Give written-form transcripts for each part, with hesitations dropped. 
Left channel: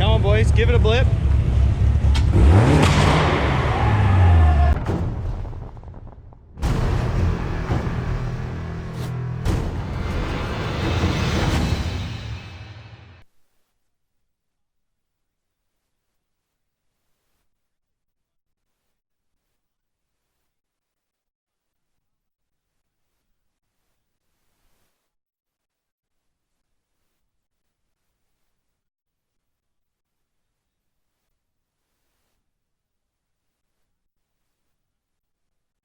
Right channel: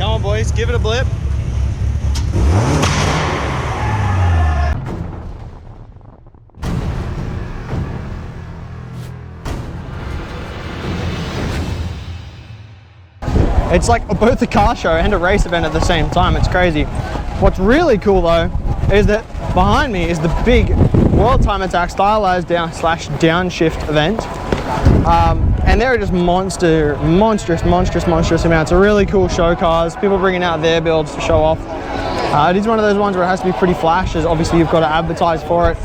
Come on, boys, give it a blip. It's like both a car show and a race event at the same time. It's crazy. What's really cool though is that behind me is the big World Time Attack stylized downshift event. And there are just monstrous amounts of really cool show cars. People bringing out their builds to show off. It is one of those ones where it has to be pretty flash, as obviously you've got to advertise for it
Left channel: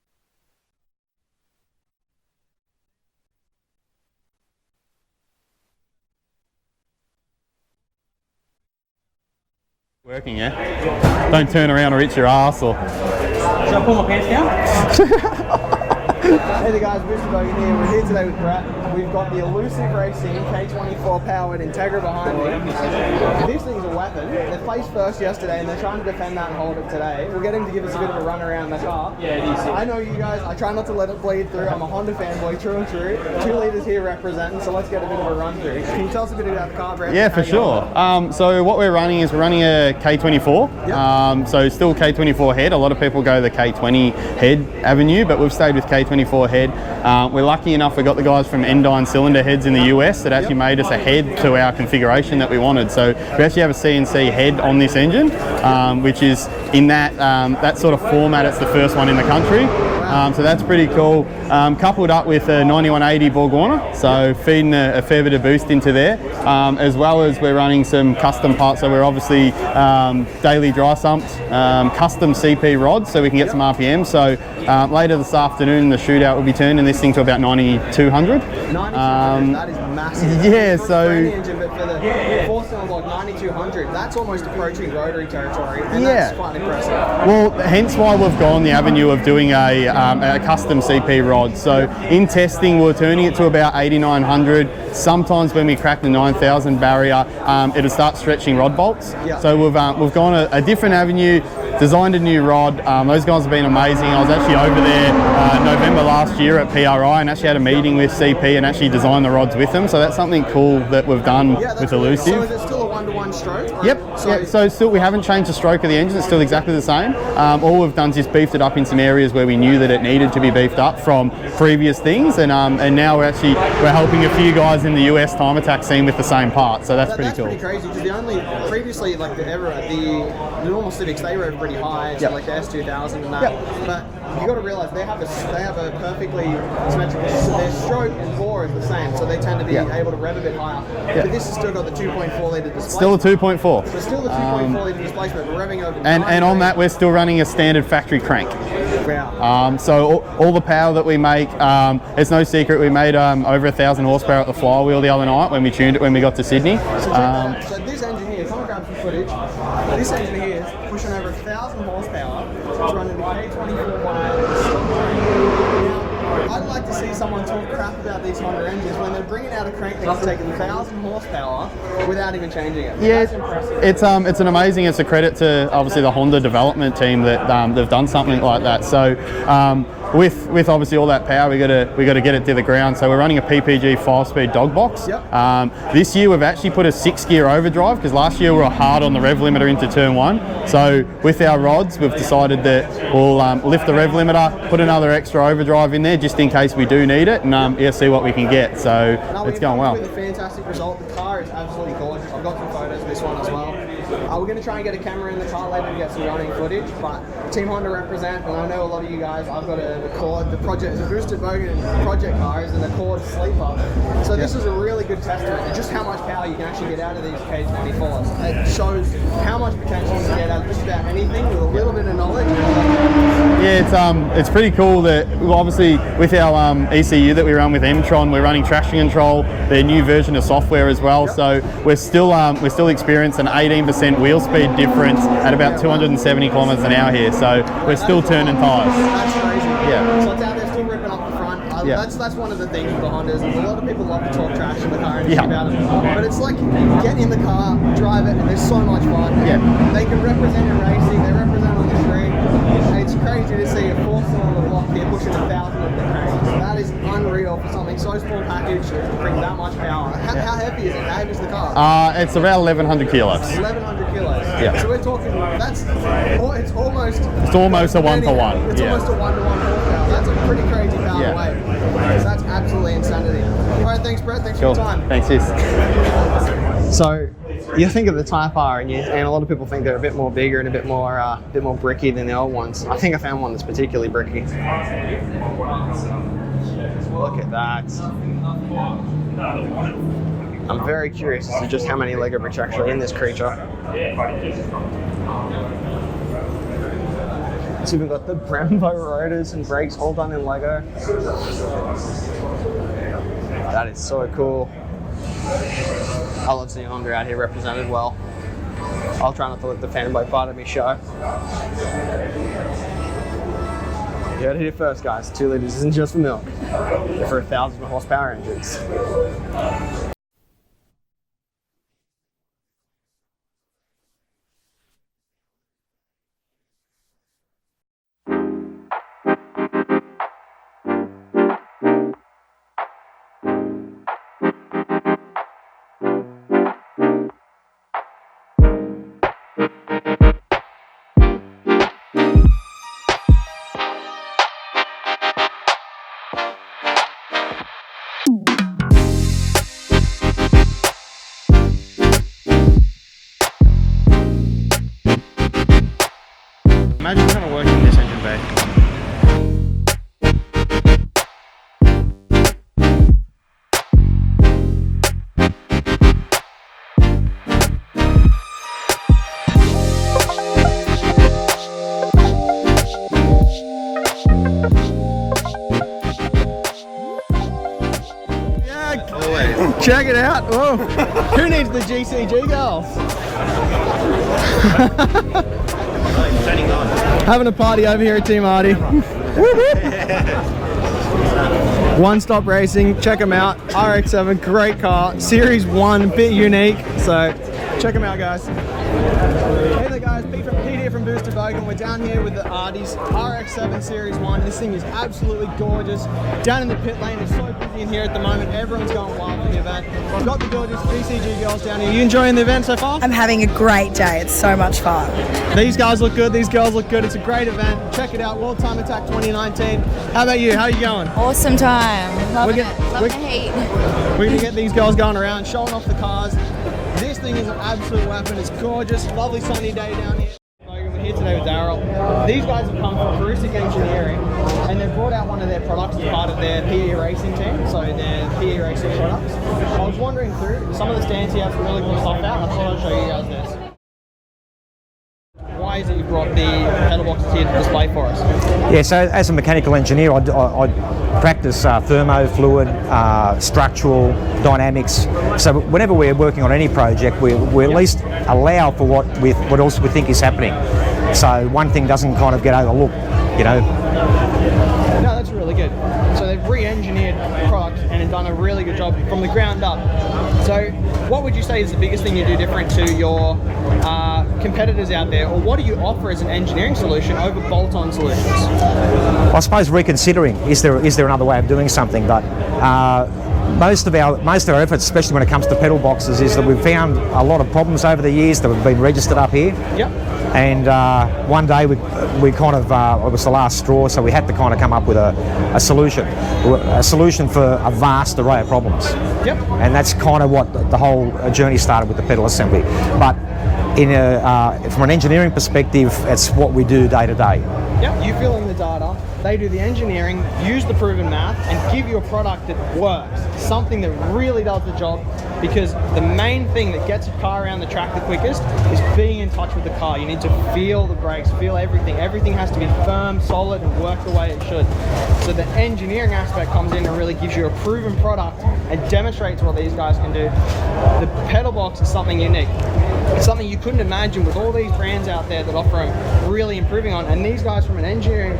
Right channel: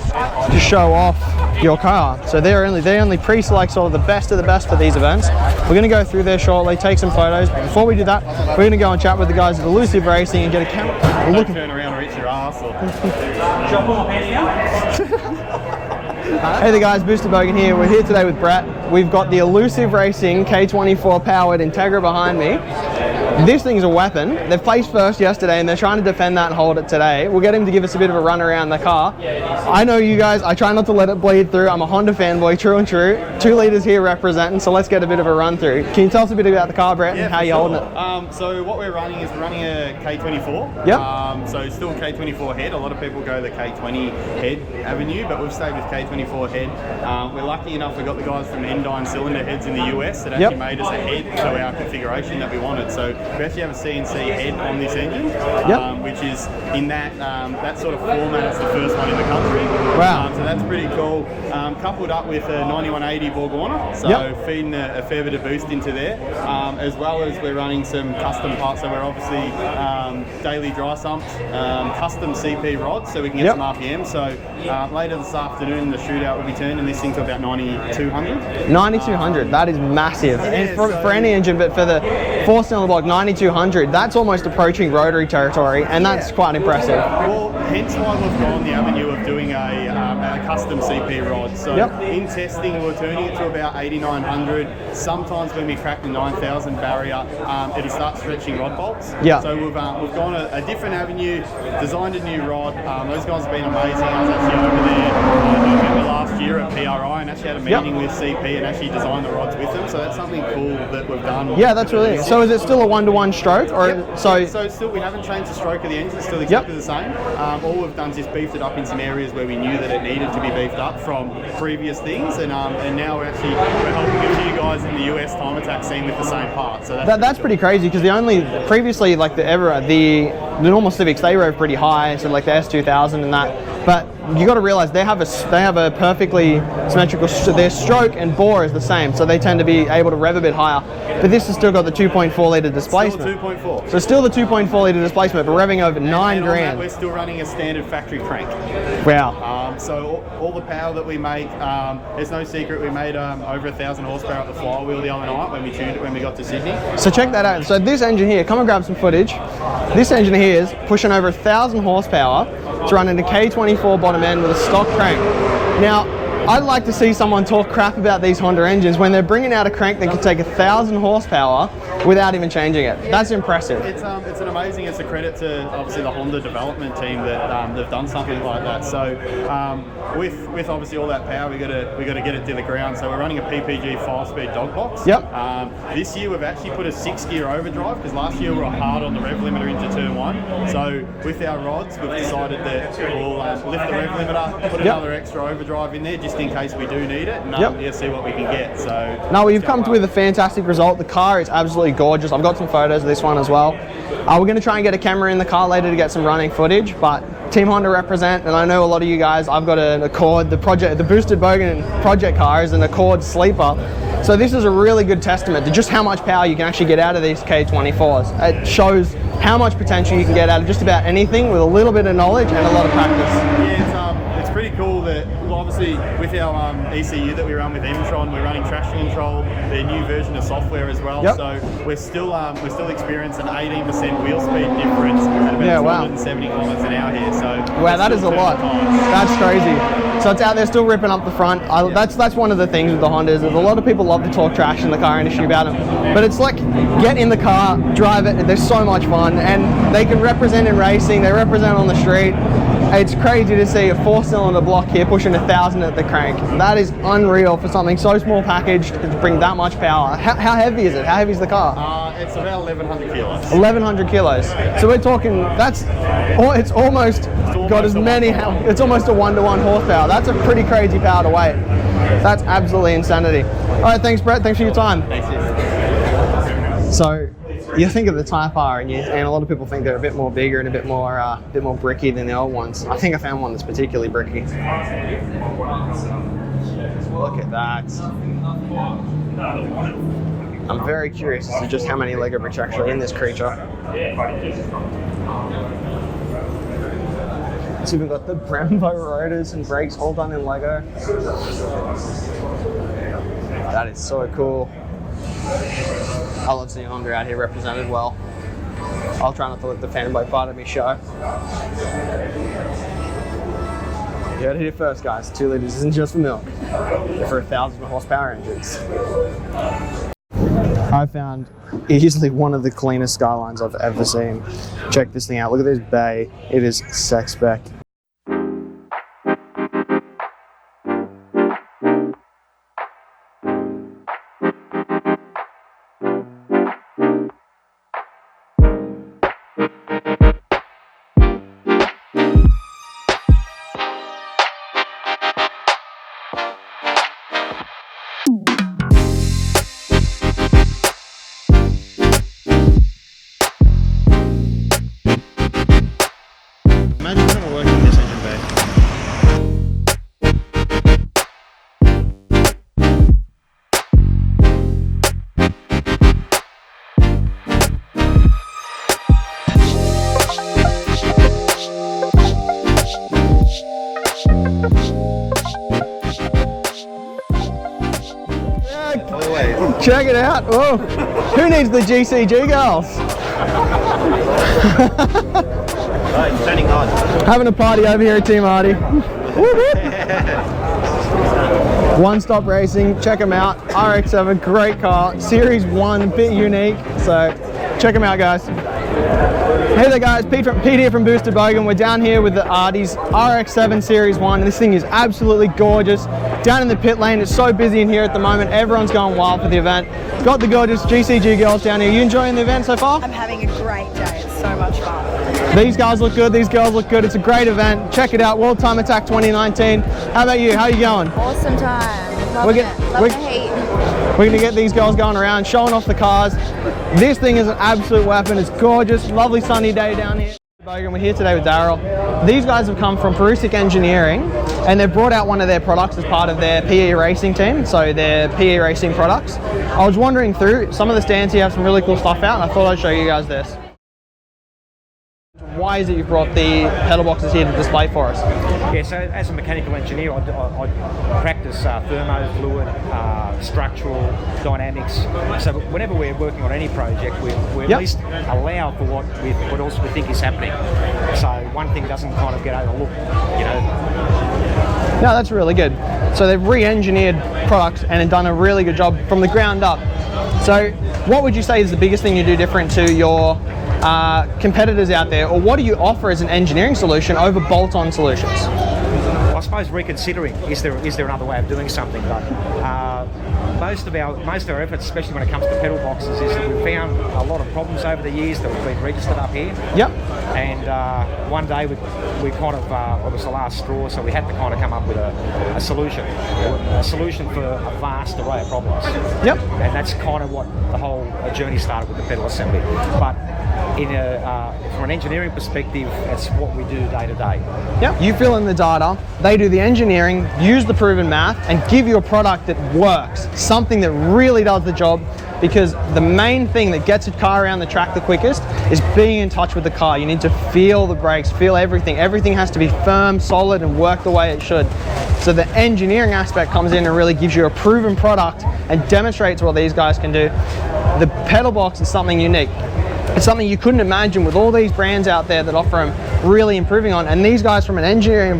to show off your car. So they only pre-select sort of the best for these events. We're going to go through there shortly, take some photos. But before we do that, we're going to go and chat with the guys at Elusive Racing and get a camera. Don't turn around or hit your ass or... Should I pull my pants down? Hey there guys, Booster Bogan here. We're here today with Brett. We've got the Elusive Racing K24 powered Integra behind me. This thing's a weapon. They placed first yesterday and they're trying to defend that and hold it today. We'll get him to give us a bit of a run around the car. I know you guys, I try not to let it bleed through. I'm a Honda fanboy, true and true. 2 litres here representing, so let's get a bit of a run through. Can you tell us a bit about the car, Brett? Yeah, and how for you hold sure. So what we're running is a K24. Yep. So still K24 head. A lot of people go the K20 head avenue, but we've stayed with K24 head. We're lucky enough we got the guys from Endine Cylinder Heads in the US that actually made us a head to our configuration that we wanted. So we actually have a CNC head on this engine, which is in that sort of format. It's the first one in the country. Wow. So that's pretty cool. Coupled up with a 9180 Bogan, so feeding a fair bit of boost into there, as well as we're running some custom parts. So we're obviously daily dry sumped, custom CP rods, so we can get some RPM. So later this afternoon in the shootout, we'll be turning this thing to about 9200. 9200, that is massive. Yeah, for any engine, but for the 4-cylinder block, 9200, that's almost approaching rotary territory, and that's quite impressive. Well, hence why we've gone the avenue of doing a custom CP rod. So in testing, we're turning it to about 8900. Sometimes when we crack the 9000 barrier, it'll start stretching rod bolts. So we've gone a different avenue, designed a new rod. Those guys have been amazing. I was actually over there November last year at PRI and actually had a meeting with CP and actually designed the rods with them. So that's something cool that we've done. Yeah, that's really. So is it still a 1-to-1 stroke? Or So still we haven't changed the stroke of the engine. It's still exactly the same. All we've done is just beefed it up in some areas where we knew that it needed to be beefed up from previous things, and now we're helping a few guys in the US time attack scene with the same part. So that's pretty crazy, because previously like the normal Civics, they rode pretty high, so like the S2000 and that. But you got to realize they have a perfectly symmetrical. Their stroke and bore is the same, so they tend to be able to rev a bit higher. But this has still got the 2.4 litre displacement. Still a 2.4. So still the 2.4 litre displacement, but revving over 9. And on that, we're still running a standard factory crank. Wow. So all the power that we make, it's no secret we made over 1,000 horsepower at the flywheel the other night when we tuned it when we got to Sydney. So check that out. So this engine here, come and grab some footage. This engine here is pushing over 1,000 horsepower to run into K24 bottom end with a stock crank. Now, I'd like to see someone talk crap about these Honda engines when they're bringing out a crank that can take 1,000 horsepower without even changing it. That's impressive. It's a credit to obviously the Honda development team that they've done something like that. So with obviously all that power, we got to get it to the ground. So we're running a PPG 5-speed dog box. This year we've actually put a 6-gear overdrive, because last year we were hard on the rev limiter into turn 1. So with our rods, we've decided that we'll lift the rev limiter, put another extra overdrive in there just in case we do need it, and see what we can get. So no, you've come with a fantastic result. The car is absolutely gorgeous. I've got some photos of this one as well. We're going to try and get a camera in the car later to get some running footage, but Team Honda represent, and I know a lot of you guys. I've got an Accord, the boosted Bogan project car is an Accord sleeper. So this is a really good testament to just how much power you can actually get out of these K24s. It shows how much potential you can get out of just about anything with a little bit of knowledge and a lot of practice. Yeah, it's pretty cool that obviously with our ECU that we run with M-Tron, we're running traction control, their new version of software as well. So we're still experiencing an 18% wheel speed difference at about 270 kilometers an hour here. So we're still turning tires. That's crazy. So it's out there still ripping up the front. That's one of the things with the Hondas is a lot of people love to talk trash in the car industry about them. But it's like, get in the car, drive it, and they're so much fun. And they can represent in racing, they represent on the street. It's crazy to see a 4-cylinder block here pushing 1,000 at the crank. That is unreal for something so small packaged to bring that much power. How heavy is it? How heavy is the car? It's about 1,100 kilos. 1,100 kilos. Yeah. So we're talking, it's almost almost a 1-to-1. It's almost a 1-to-1 horsepower. That's a pretty crazy power to weight. That's absolutely insanity. All right, thanks, Brett. Thanks for your time. Thanks, yes. So you think of the Type R, and a lot of people think they're a bit more bigger and a bit more bricky than the old ones. I think I found one that's particularly bricky. Look at that. I'm very curious as to just how many Lego bricks are actually in this creature. It's even got the Brembo rotors and brakes all done in Lego. That is so cool. I love seeing Honda out here represented well. I'll try not to let the fanboy part of me show. You heard it here first, guys. 2 liters isn't just for milk. They're for 1,000 horsepower engines. I found easily one of the cleanest Skylines I've ever seen. Check this thing out. Look at this bay. It is sex spec. Imagine trying to work in this engine bay. Yeah, check it out. Whoa. Who needs the GCG girls? Having a party over here at Team Hardy. One Stop Racing, check them out. RX-7, great car. Series 1, a bit unique, so check them out, guys. Hey there, guys. Pete here from Boosted Bogan. We're down here with the Arties RX-7 Series 1. This thing is absolutely gorgeous. Down in the pit lane, it's so busy in here at the moment. Everyone's going wild for the event. It's got the gorgeous GCG girls down here. You enjoying the event so far? I'm having a great day. It's so much fun. These guys look good. These girls look good. It's a great event. Check it out. World Time Attack 2019. How about you? How are you going? Awesome time. Love the heat. We're going to get these girls going around, showing off the cars. This thing is an absolute weapon. It's gorgeous. Lovely sunny day down here. We're here today with Daryl. These guys have come from Perusic Engineering, and they've brought out one of their products as part of their PE racing team, so their PE racing products. I was wandering through some of the stands here, have some really cool stuff out, and I thought I'd show you guys this. Why is it you brought the pedal boxes here to display for us? Yeah, so as a mechanical engineer, I practice thermo, fluid, structural, dynamics. So whenever we're working on any project, we at least allow for what else we think is happening. So one thing doesn't kind of get overlooked, you know. No, that's really good. So they've re-engineered products and done a really good job from the ground up. So what would you say is the biggest thing you do different to your competitors out there, or what do you offer as an engineering solution over bolt-on solutions? Well, I suppose reconsidering, is there another way of doing something, but most of our efforts, especially when it comes to pedal boxes, is that we've found a lot of problems over the years that have been registered up here. Yep. And one day we kind of, it was the last straw, so we had to kind of come up with a solution for a vast array of problems. Yep. And that's kind of what the whole journey started with the pedal assembly. But from an engineering perspective, it's what we do day to day. Yep. You fill in the data, they do the engineering, use the proven math, and give you a product that works, something that really does the job, because the main thing that gets a car around the track the quickest is being in touch with the car. You need to feel the brakes, feel everything. Everything has to be firm, solid, and work the way it should. So the engineering aspect comes in and really gives you a proven product and demonstrates what these guys can do. The pedal box is something unique. It's something you couldn't imagine with all these brands out there that offer them really improving on. And these guys from an engineering,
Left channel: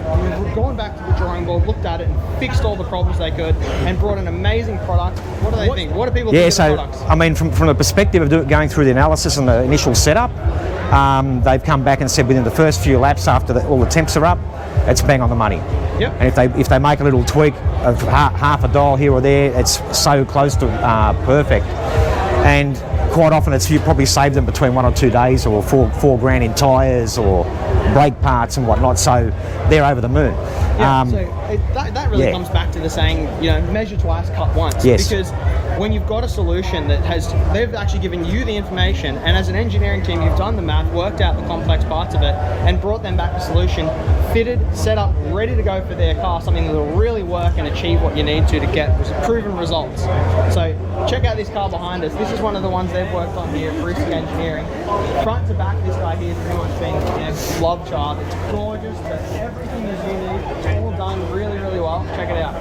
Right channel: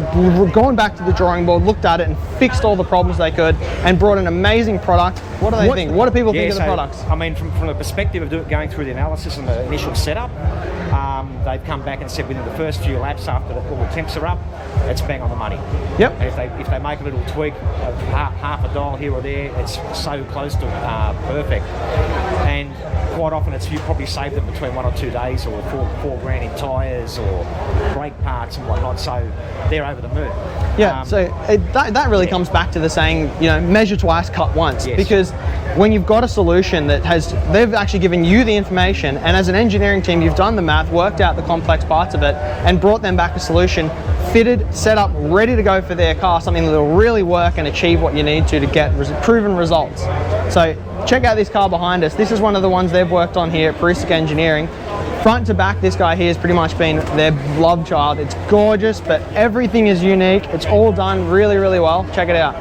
gone back to the drawing board, looked at it and fixed all the problems they could and brought an amazing product. What do they think? What do people think of the products? I mean, from the perspective of going through the analysis and the initial setup, they've come back and said within the first few laps after all the temps are up, it's bang on the money. Yep. And if they make a little tweak of half a dial here or there, it's so close to perfect. And quite often you probably save them between 1 or 2 days, or $4 grand in tyres or brake parts and whatnot. So they're over the moon. Yeah. That really comes back to the saying, measure twice, cut once. Yes. Because when you've got a solution they've actually given you the information, and as an engineering team, you've done the math, worked out the complex parts of it, and brought them back a solution, fitted, set up, ready to go for their car, something that will really work and achieve what you need to get proven results. So check out this car behind us. This is one of the ones they've worked on here at Peristic Engineering. Front to back, this guy here has pretty much been their love child. It's gorgeous, but everything is unique. It's all done really, really well. Check it out.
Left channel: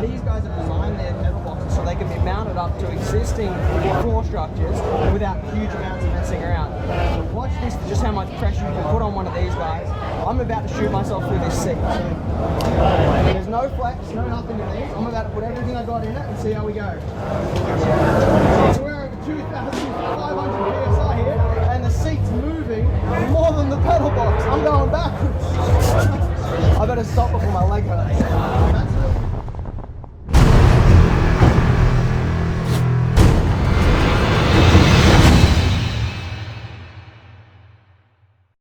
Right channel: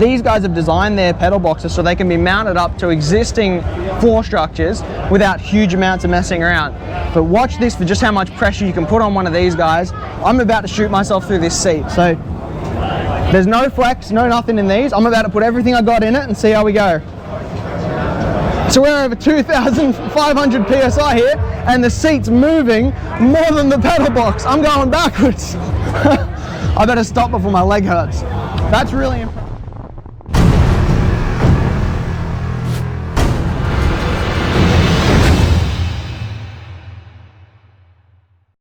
These guys have designed their pedal boxes so they can be mounted up to existing floor structures without huge amounts of messing around. But watch this for just how much pressure you can put on one of these guys. I'm about to shoot myself through this seat. So there's no flex, no nothing in these. I'm about to put everything I got in it and see how we go. So we're over 2,500 PSI here, and the seat's moving more than the pedal box. I'm going backwards. I better stop before my leg hurts. That's really important.